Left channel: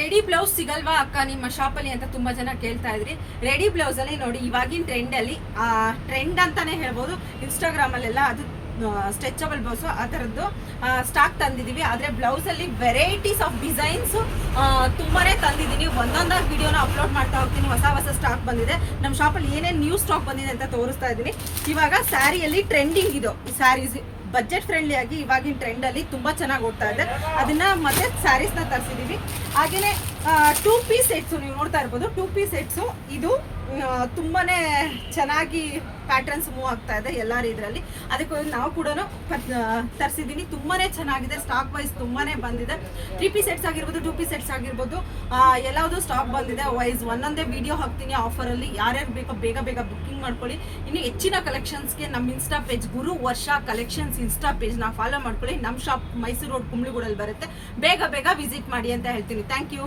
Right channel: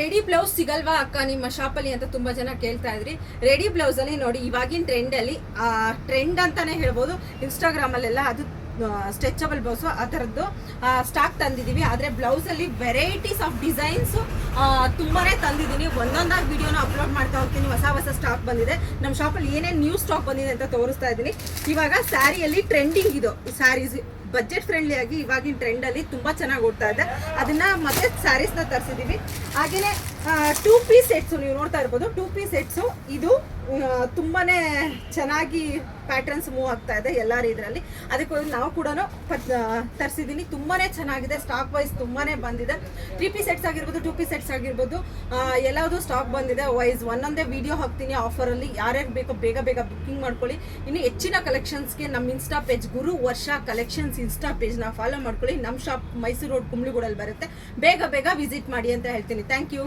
Ready blouse ಸಿಗಲ್ವಾ ಅಕ್ಕ ನಿಮ್ಮ ಶಾಪಲ್ಲಿ ಅಂತ ತುಂಬಾ ಜನ ಕೇಳ್ತಾ ಇದ್ರಿ. ರೆಡಿ ಬ್ಲೌಸ್ ಅಲ್ಲಿ ನೋಡಿ, ಇವಾಗಿನ ಟ್ರೆಂಡ್ ಅಲ್ಲಿ ಟ್ರೆಂಡ್ ಅಂತಾನೆ ಹೇಳ್ಬೋದು. ಇನ್ಸ್ಟಾಗ್ರಾಮ್ ಅಲ್ಲೆಲ್ಲ ಅದು ಸ್ಟ್ರೆಚಬಲ್ ಬ್ಲೌಸ್ ಆ ಥರದ್ದು ಸ್ಟಾಕ್ ತಂದಿದ್ದೀವಿ. ಆದರೆ ಬ್ಲೌಸಲ್ಲಿ ವೆರೈಟೀಸ್ ಆಫ್ ಡಿಸೈನ್ಸು ತುಂಬಾನೇ ತಂದಿದ್ದೀನಿ. ಒಂದೊಂದಾಗಿ ವಿಡಿಯೋನ ಅಪ್ಲೋಡ್ ಮಾಡ್ತಾ ಹೋಗ್ತೀನಿ. ಹೊಸ ಸ್ಟಾಕ್ ಬಂದಿದೆ. ನಮ್ಮ ಶಾಪಲ್ಲಿ ಏನೇನು ನ್ಯೂ ಸ್ಟಾಕ್ ಬಂದಿದೆ ಅಂತ ತೋರಿಸ್ತಾ ಇದ್ದೀನಿ. ಇವಾಗ ಸ್ಯಾರಿಯಲ್ಲಿ ಟ್ರೆಂಡಿಂಗ್ ಇದು ಸ್ಯಾರೀಸ್ ಬಜೆಟ್ ಫ್ರೆಂಡ್ಲಿ ಆಗಿ ಇವಾಗಿನ ಟ್ರೆಂಡಲ್ಲಿ ತುಂಬ ಚೆನ್ನಾಗಿ ಓಡ್ತಾ ಇದೆ. ಅದನ್ನು ಮತ್ತೆ ಸ್ಯಾರೀಸ್ನ ತರಿಸಿದ್ದೀವಿ. ಹಾಗೆಯೇ 2 ಪೀಸ್ ಸೆಟ್ಸು ನೀವು ನೋಡ್ತಾ ಇರ್ಬೋದು. 2 ಪೀಸ್ ಸೆಟ್ಸು ಇದು ತುಂಬಾ ಚೆನ್ನಾಗಿ ಪ್ಯಾಟರ್ನ್ಸ್ ಮೂವ್ ಆಗ್ತಾ ಇದೆ ಎಲ್ಲರ ಇದರಲ್ಲಿ. ಅದಕ್ಕೋಗಿ ನಾವು ಕೂಡ ತರಿಸಿದ್ದೀನಿ. ತುಂಬಾ ಚೆನ್ನಾಗಿದೆ. ಸ್ಟಾಕ್ ವೈಸ್ ತುಂಬಾ ಬಂದಿದೆ. 3 ಪೀಸ್ ಸೆಟ್ಸ್ ಆಗಿರ್ಬೋದು, 2 ಪೀಸ್ ಸೆಟ್ಸ್ ಆಗಿರ್ಬೋದು, ಎಲ್ಲವುದು ಸ್ಟಾಕ್ ಬಂದಿದೆ. ವೈಸ್ ಒಂದೊಂದೇ ವಿಡಿಯೋ ಹಾಕ್ತೀನಿ ಆಫರಲ್ಲಿ. ಯಾರ್ಯಾರು ಬೇಕೋ ಬೇಗ ಬುಕ್ಕಿಂಗ್ ಮಾಡ್ಕೊಳ್ಳಿ. ಇನ್ನು ಹೆಚ್ಚಿನ ಕಲೆಕ್ಷನ್ಸ್ಗೆ ನಮ್ಮ ಇನ್ಸ್ಟಾ ಪೇಜ್ ಗುರು ವರ್ಷ ಕಲೆಕ್ಷನ್ಸ್ ಇನ್ಸ್ಟಾ ಪೇಜ್ನ ಫಾಲೋ ಮಾಡ್ಕೊಳ್ಳಿ. ನಮ್ಮ ಶಾಪ್ ಮೈಸೂರು ರೋಡ್ ಕುಂಬ್ಳಗೂಡಲ್ಲಿ ಬರುತ್ತೆ. ಬೇಗ ವಿಸಿಟ್ ಮಾಡಿ ಅಂತ ಹೇಳ್ತೀನಿ. Thank you.